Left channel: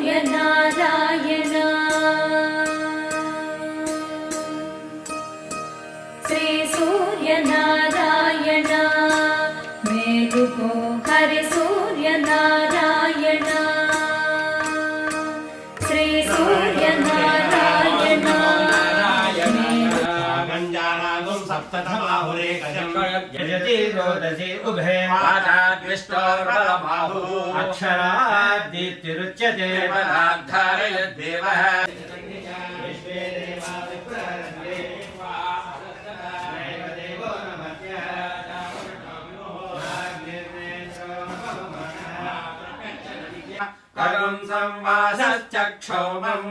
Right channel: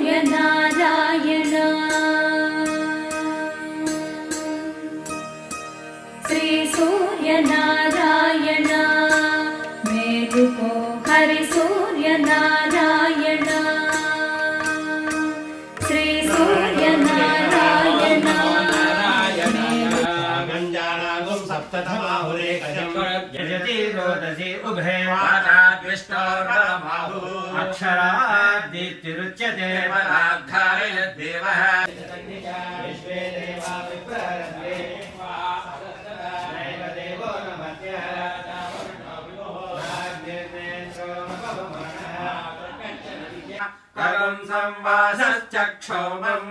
सूर्यनारायण श्री सूर्यनारायण मेलुको हरि सूर्यनारायण श्री सूर्यनारायण यजति रोदसी उभे अक्षरादित्युच्यते धारयद्देवः कगं संवासश्चक्षोमम्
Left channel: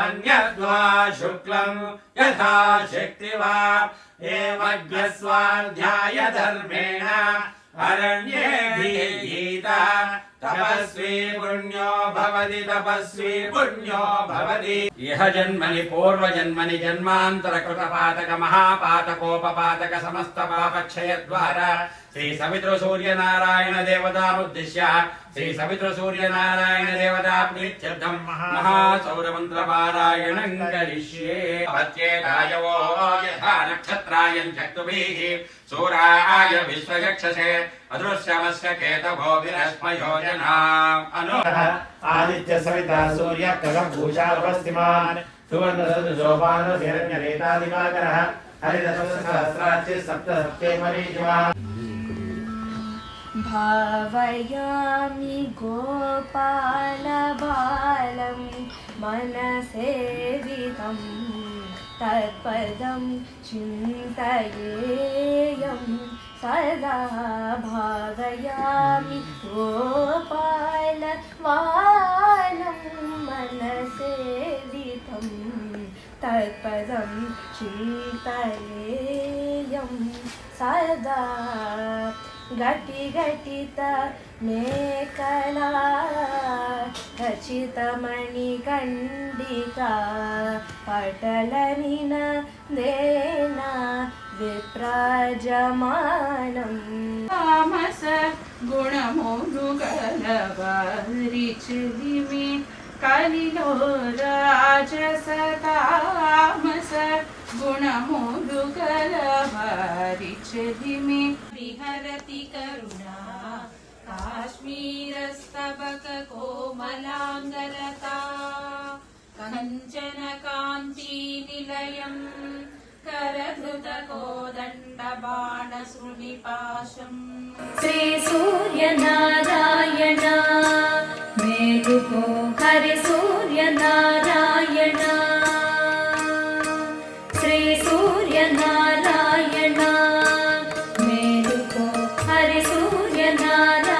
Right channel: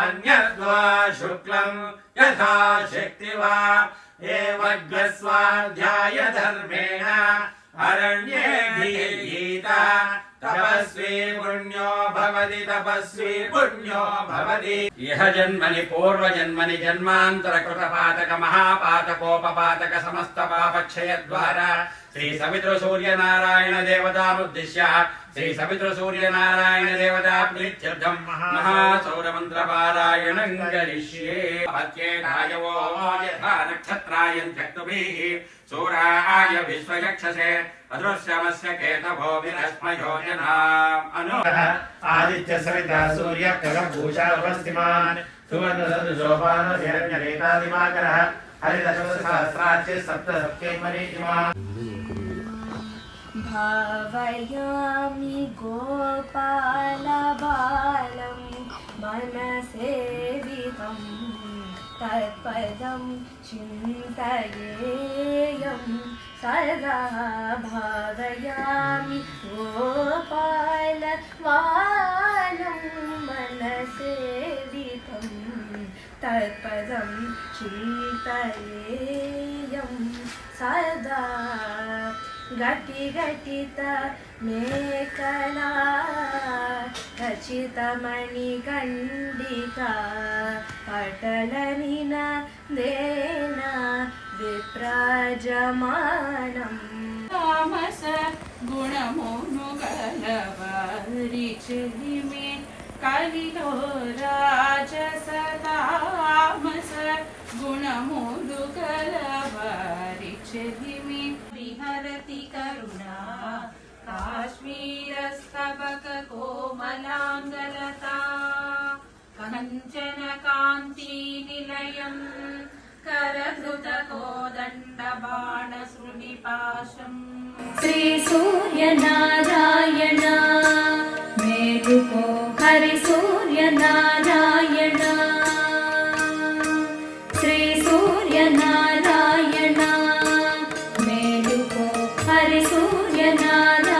अन्यद्वा शुक्लम् यथा शक्ति वा एवज्ञस्वाध्याय धर्मेण अरण्ये गीता तपस्वी पुण्यो भवति तपस्वी पुण्यो भवति इह जन्मनि पूर्वजन्मनि जन्मान्तरकृतपातक महापातकोपपातक समस्त पापक्षयद्वारा श्री सवितृ सूर्यनारायण देवतामुद्दिश्य श्री सवितृ सूर्यनारायण देवता प्रीत्यर्थं महासौरमन्त्रपारायणं करिष्ये भत्येतायवो यथा नक्षत्रायं चक्तुभिः सूराय विश्वचक्षसे अदृश्यमस्य केतभो विरश्मयो जनाम् अनु आदित्य सविता सूर्य खगभूषा उपस्थिमान् सुवर्णसदृशोपान हिरण्यरेता दिवाकरः हरिदशसहस्राच्य सप्तसप्ते मरीचिमान् भावयामि गोपालबालं मनसेवितं तत्पदं चिन्तयेयं सदा भावयामि गोपालबालं मनसेवितं तत्पदं चिन्तयेयं सदा गति गटित मेखला खचितमणिकण्डिका पटलनिन देन विप्राजमानम् तामस गुणमोनुगलवारिचिलिमे कलिलो राजस तामस गुणमोलुगलवारिचिलिमे विहरति करुणा काश्मीरस्तबक कोमलाङ्गलता कञ्चन कान्ति निलयम् करधृतकोदण्डबाणसृनिपाशम् श्री सूर्यनारायण मेलुको हरि सूर्यनारायण श्री सूर्यनारायण मेलुको हरि सूर्यनारायण